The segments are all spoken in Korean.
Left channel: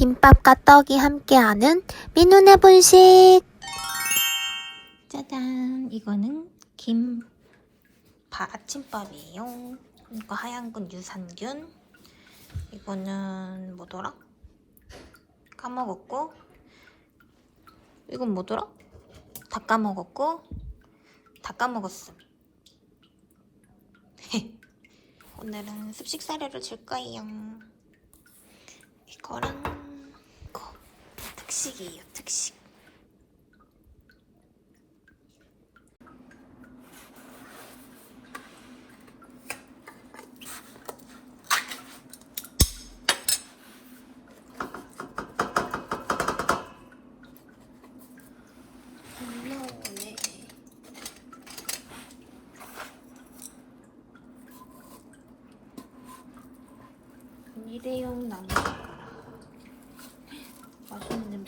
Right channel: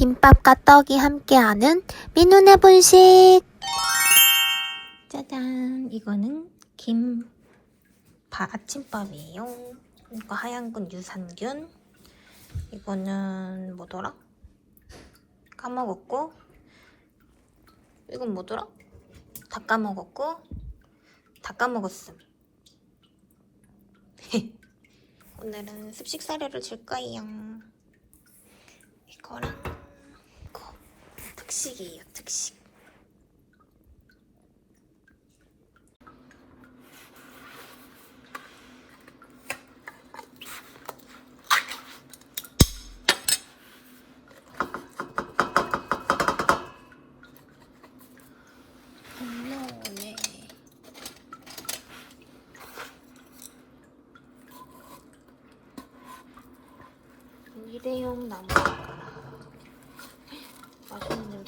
김밥과 떡이 함께하는 민훈의 분식. 짜잔, 이거는 김 바, 아침밥이에요. 이거 하얀 건 유산균. 이거는 뭐더라? 까먹었고. 이건 뭐더라? 다 까먹었고. 다 까먹었음. 오늘은 습식 사료를 줄 거예요. 이거랑 이거 특식이에요, 특식. 일회용 나무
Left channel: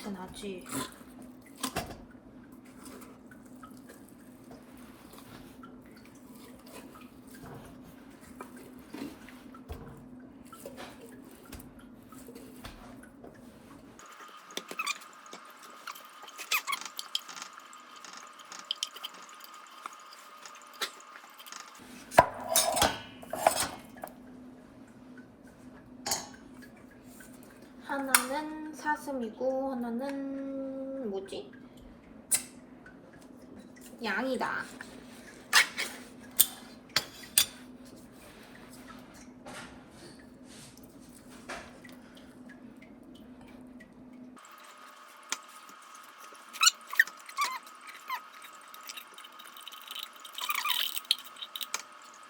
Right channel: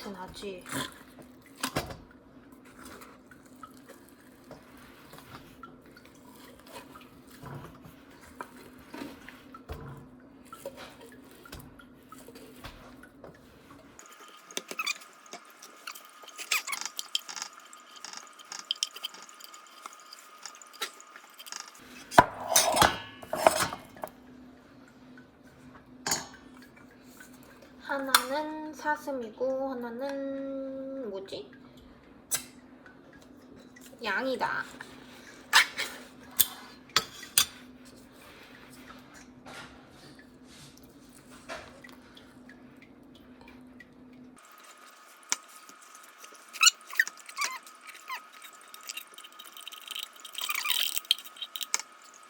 냄새 나지? 하나는 사슴이고 하나는 뭐지? 양이다.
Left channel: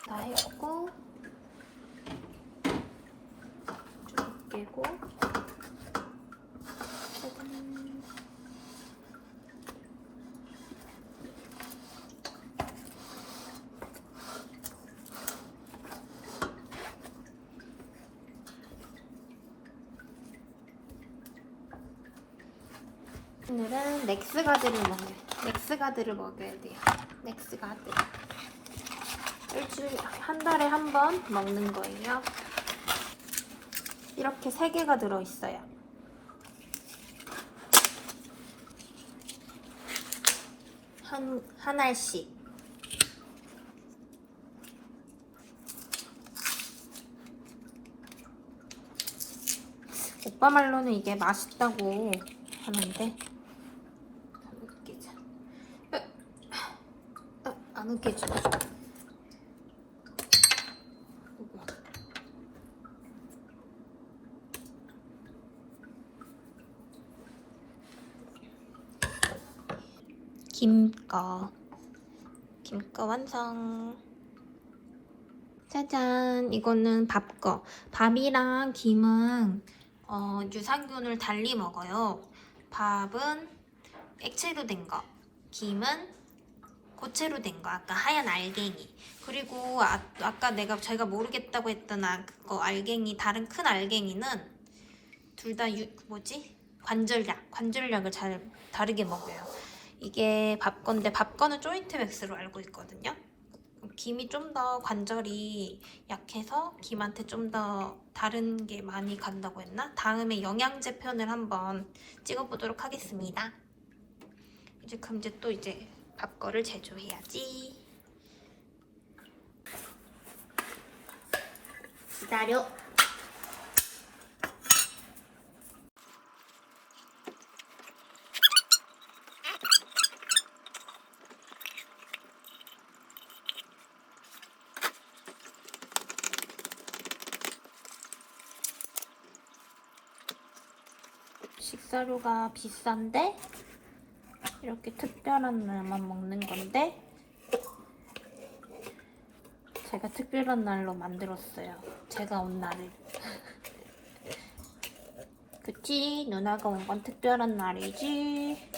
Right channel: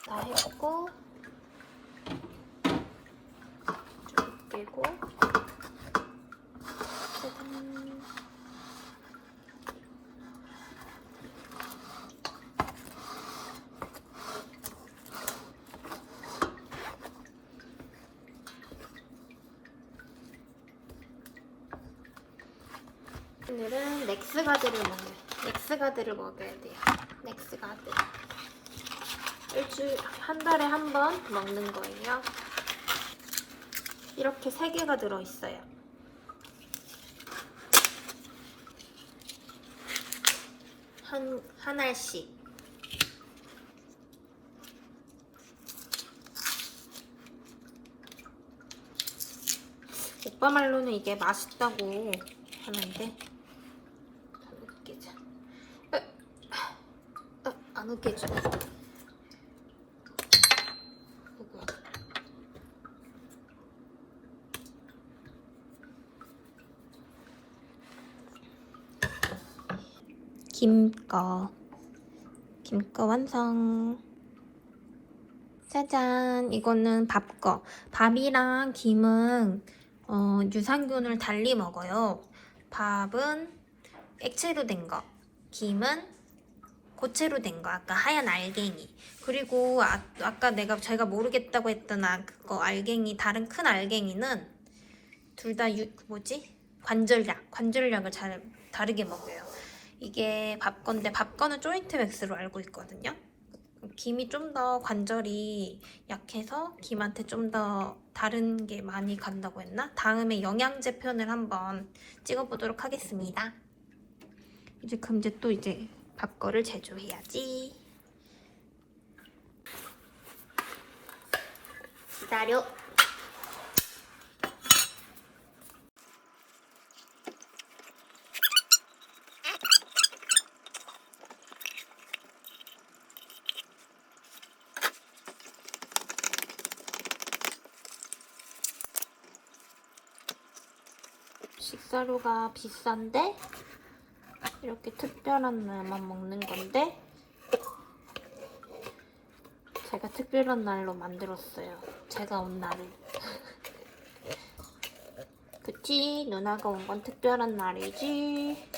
다 했고 좀 깨고 오늘은 넥스가드를 먹어요. 넥스가드를 먹어야 돼요. 넥스가드. 일주일 한 달에 한 번 먹는 거예요. 이렇게 세 개가 들어 있어요. 한, 한 알씩. 오빠 말로는 이게 맛있다고 하는데 안 웃기자. 누구야? 김거 김거 완성. 짜잔. 이거는 밥거 밥이랑 김은 어, 유산균을 달리 먹어요. 밥은 액체로 된거. 김은 고체로 된 거 아까 하얀 알갱이 그리고 아, 아까 내가 제가 모르겠다고 했던 아, 그거 알갱이 다른 큰 알갱이는 둘 다 뭐지 관절약 관절약을 잘 다르게 먹어요 이게 밥건데 밥건은 조인트 맥스로 알고 있거든요. 김이 좀 더 관절이 약해서 김한테 좀 더 다른 게 많이 간다고 했나? 다음에 영양제 편을 한번 찍어보도록 하겠습니다. 이제 그럼 이제 또 이제 밥거를 제조해야지. 기다려. 식사료가 비싼데 이렇게 특별한 날만 먹는 건데 제가 특별한 날로 만들었어요. 제가 온 날을. 그치? 누나가 온 건 특별한 날이지.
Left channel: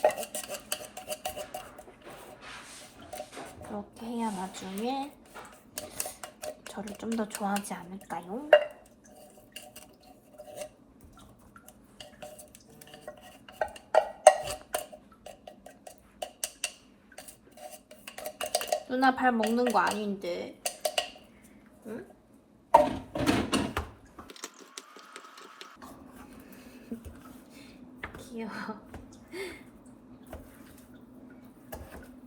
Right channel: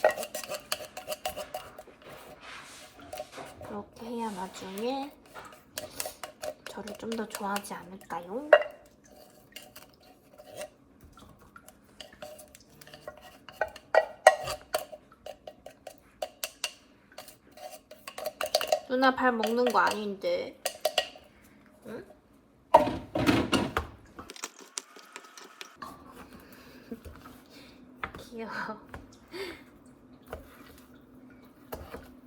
그렇게 해야 나중에 저를 좀 더 좋아하지 않을까요? 누나 발 먹는 거 아닌데. 응? 귀여워.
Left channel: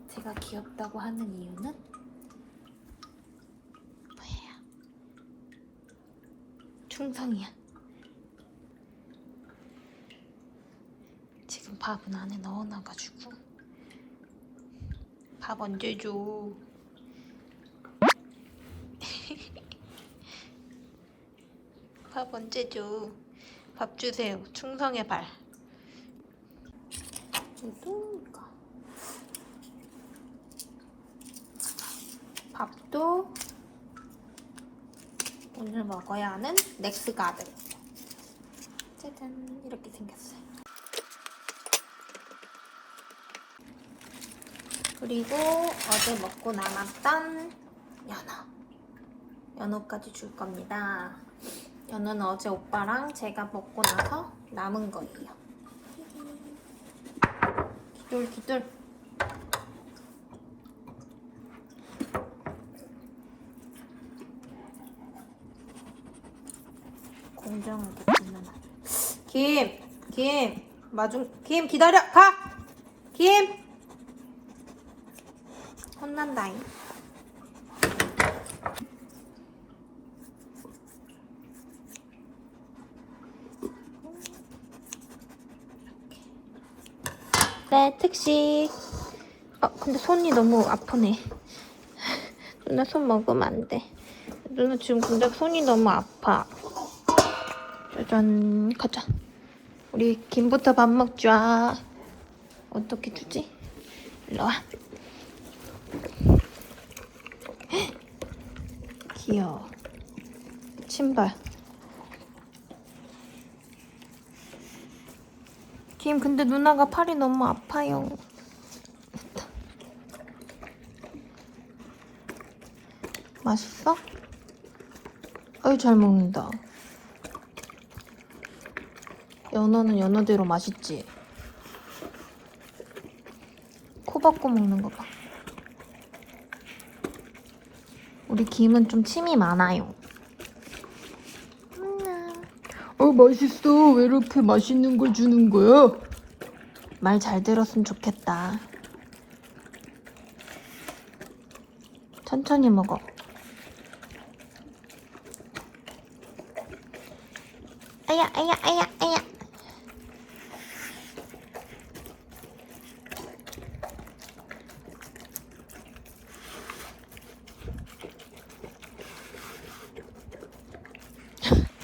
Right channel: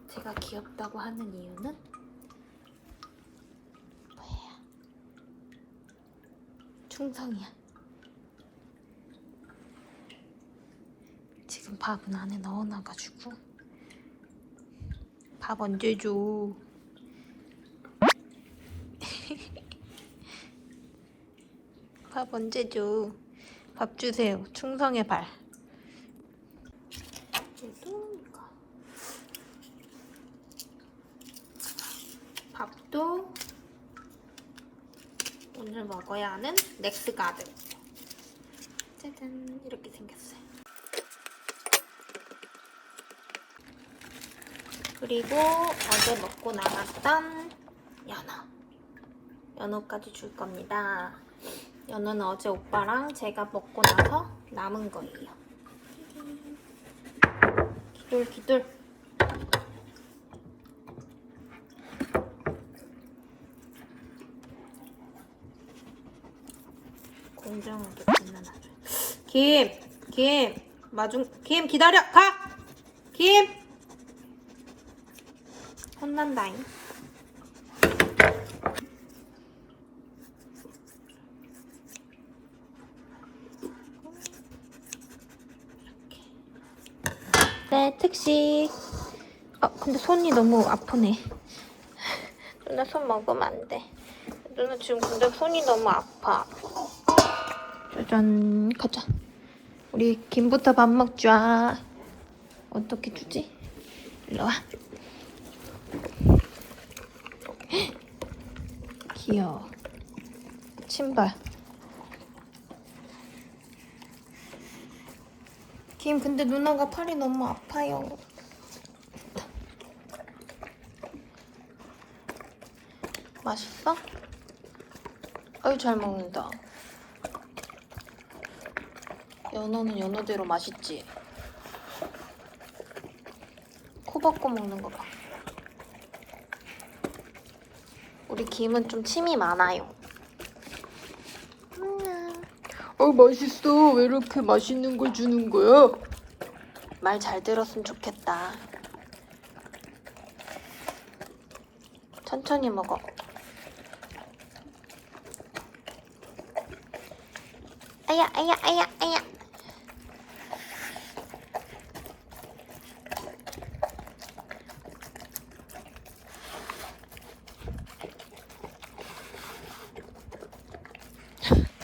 제가 귀엽다고 하는 이유는 뭐예요? 충성이야. 지금 밥은 안에 넣어놔가지고 밥 언제 줘? 밥 언제 줘? 밥 주세요. 충성의 발. 이거. 밥도 오늘 먹어야 하는 넥스가드. 짜잔 이렇게 생겼어요. 그리고 어제 먹고 남았던 연어. 연어까지 줄 겁니다. 연어는 어제 오빠랑 제가 먹고 나서 남은 거예요. 기돌 기돌. 공정하게 불러놔줘. 김, 김, 마중, 김 기다려, 가, 김. 혼난다잉. 네, 특식. 아, 근데 손이 너무 아프네. 누나 손 먹으면 안 돼. 누나 지금 근데 손이 너무 아파. 짠, 가자. 우리 김부터 밥 먹자. 어떻게 주지? 일로 와. 귀여워. 신발. 김, 근데 누나가 팔이 너무 아파요. 맛있어? 아유, 잘 먹는다. 연어는 연어대로 맛있지? 코 박고 먹는 거 봐. 우리 김은 좀 침이 많아요. 어 맛있어 왜 이렇게 맛있는 거 주는 거야? 말 잘 들었으면 좋겠다. 천천히 먹어. 아야, 아야, 아야, 아야.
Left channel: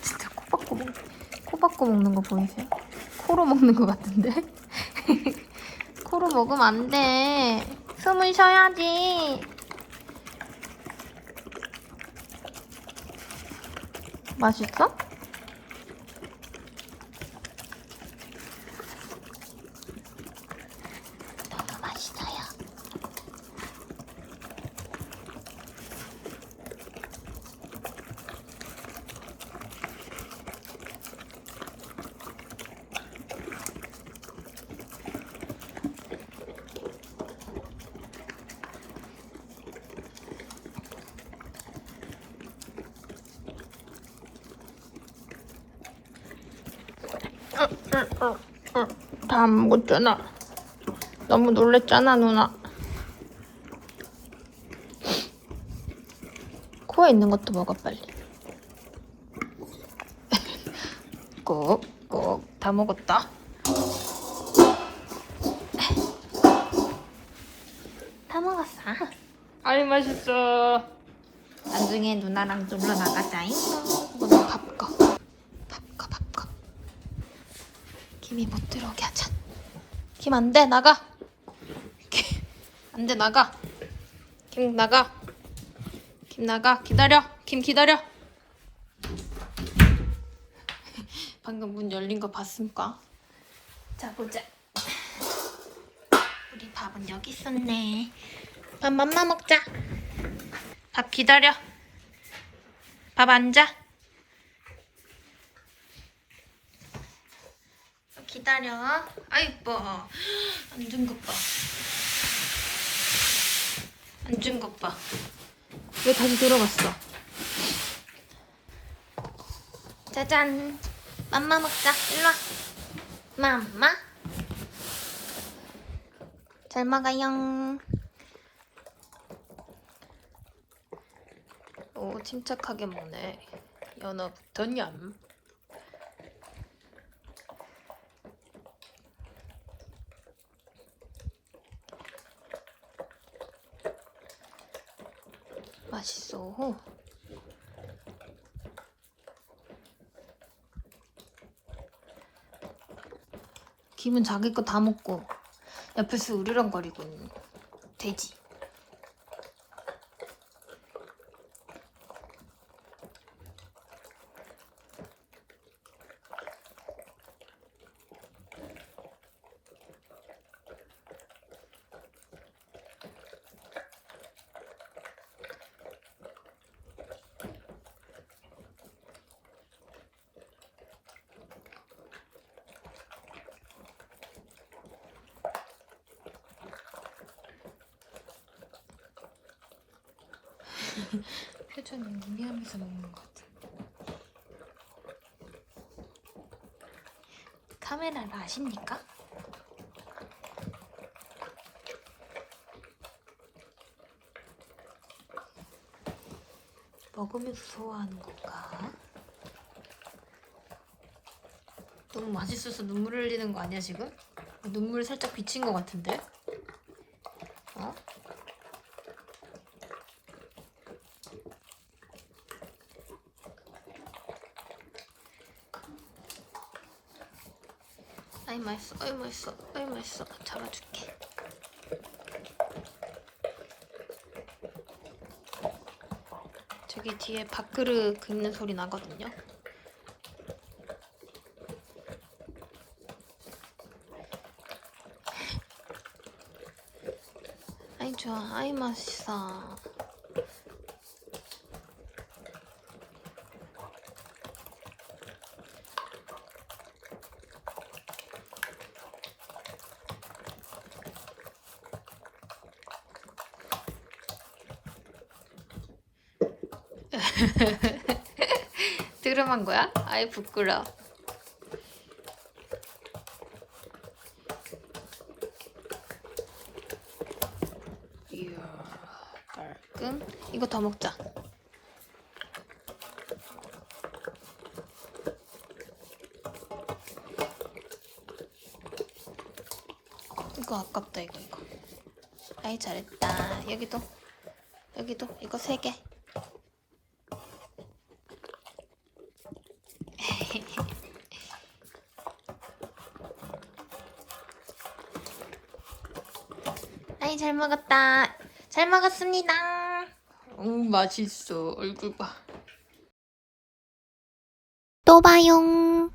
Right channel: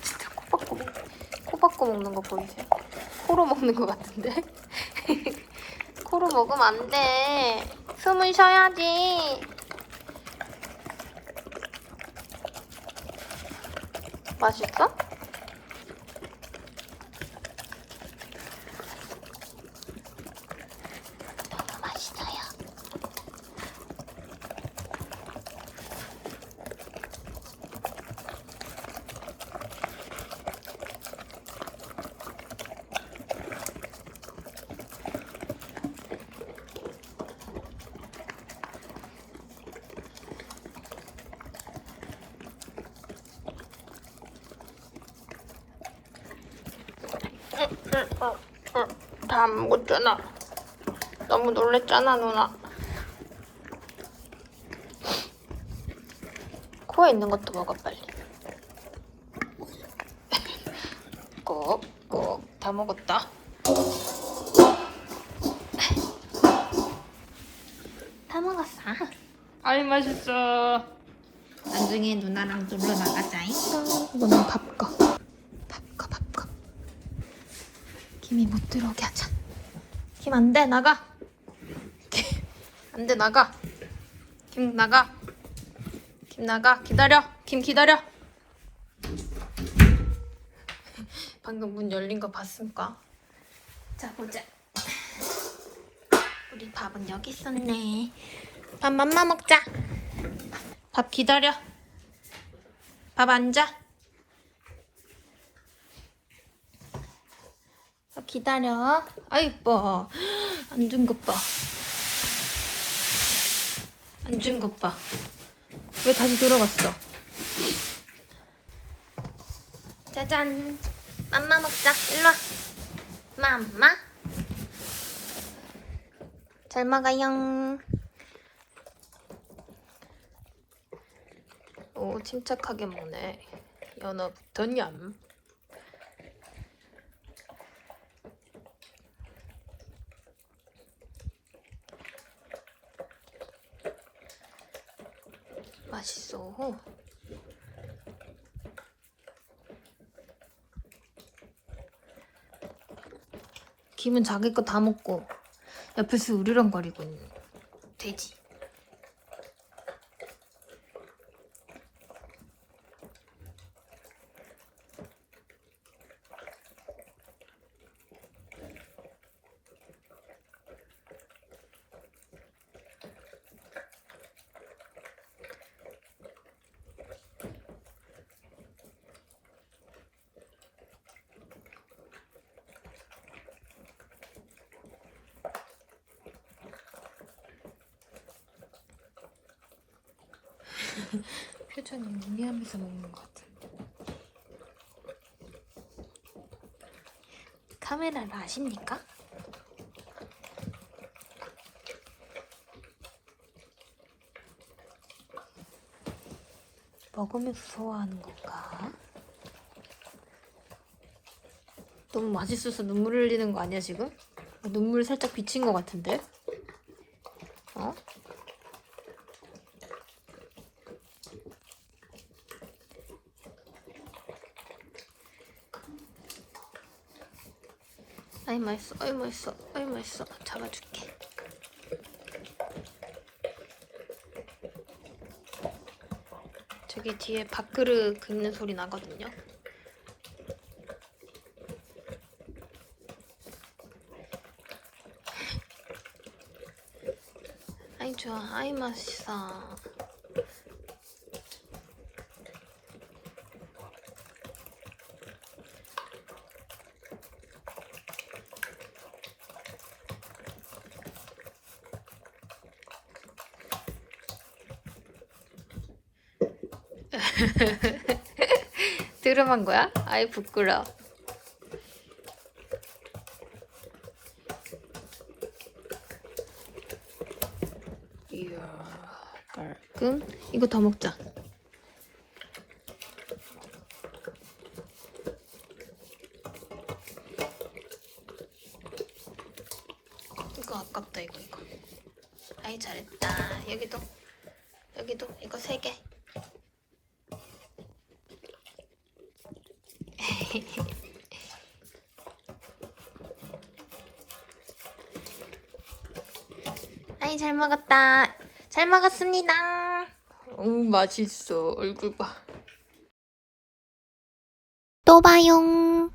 진짜 코 박고, 코 박고 먹는 거 보이세요? 코로 먹는 거 같은데? 먹으면 안 돼. 숨을 쉬어야지. 맛있어? 다안 먹었잖아. 너무 놀랬잖아, 누나. 코에 있는 것도 먹어, 빨리. 꾹, 꾹. 다 먹었다. 다 먹었어. 아이 맛있어 나중에 누나랑 놀러 나가자잉. 이거는 밥 거. 밥 거, 밥 거. 김이 못 들어오게 하자. 김 안 돼, 나가. 안 돼, 나가. 김 나가. 김 나가. 기다려. 김 기다려. 방금 문 열린 거 봤습니까? 자, 보자. 우리 밥은 여기 있었네. 밥 맘마 먹자. 밥 기다려. 밥 앉아. 기다려. 아 이뻐. 앉은 것 봐. 앉은 것 봐. 왜 다시 들어갔어? 짜잔. 맘마 먹자. 일로 와. 맘마. 잘 먹어요. 오, 침착하게 먹네. 연어부터 냠. 맛있어. 김은 자기 거 다 먹고 옆에서 으르렁거리고 있는 돼지. 표정이 의미하면서 먹는 것 같은데. 카메라를 아십니까? 먹으면서 소화하는 건가? 너무 맛있어서 눈물 흘리는 거 아니야 지금? 눈물 살짝 비친 것 같은데? 어? 아이 맛있어, 아이 맛있어, 아이 맛있어. 잡아줄게. 저기 뒤에 밥그릇 긁는 소리 나거든요. 아이 좋아, 아이 맛있어. 드럼한 거야? 아이 부끄러. 이야, 깔끔. 이거 더 먹자. 이거 아깝다 이거. 아이 잘했다. 여기도 여기도 이거 세 개. 아이 잘 먹었다. 잘 먹었습니다. 음 맛있어. 얼굴 봐. 또 봐용.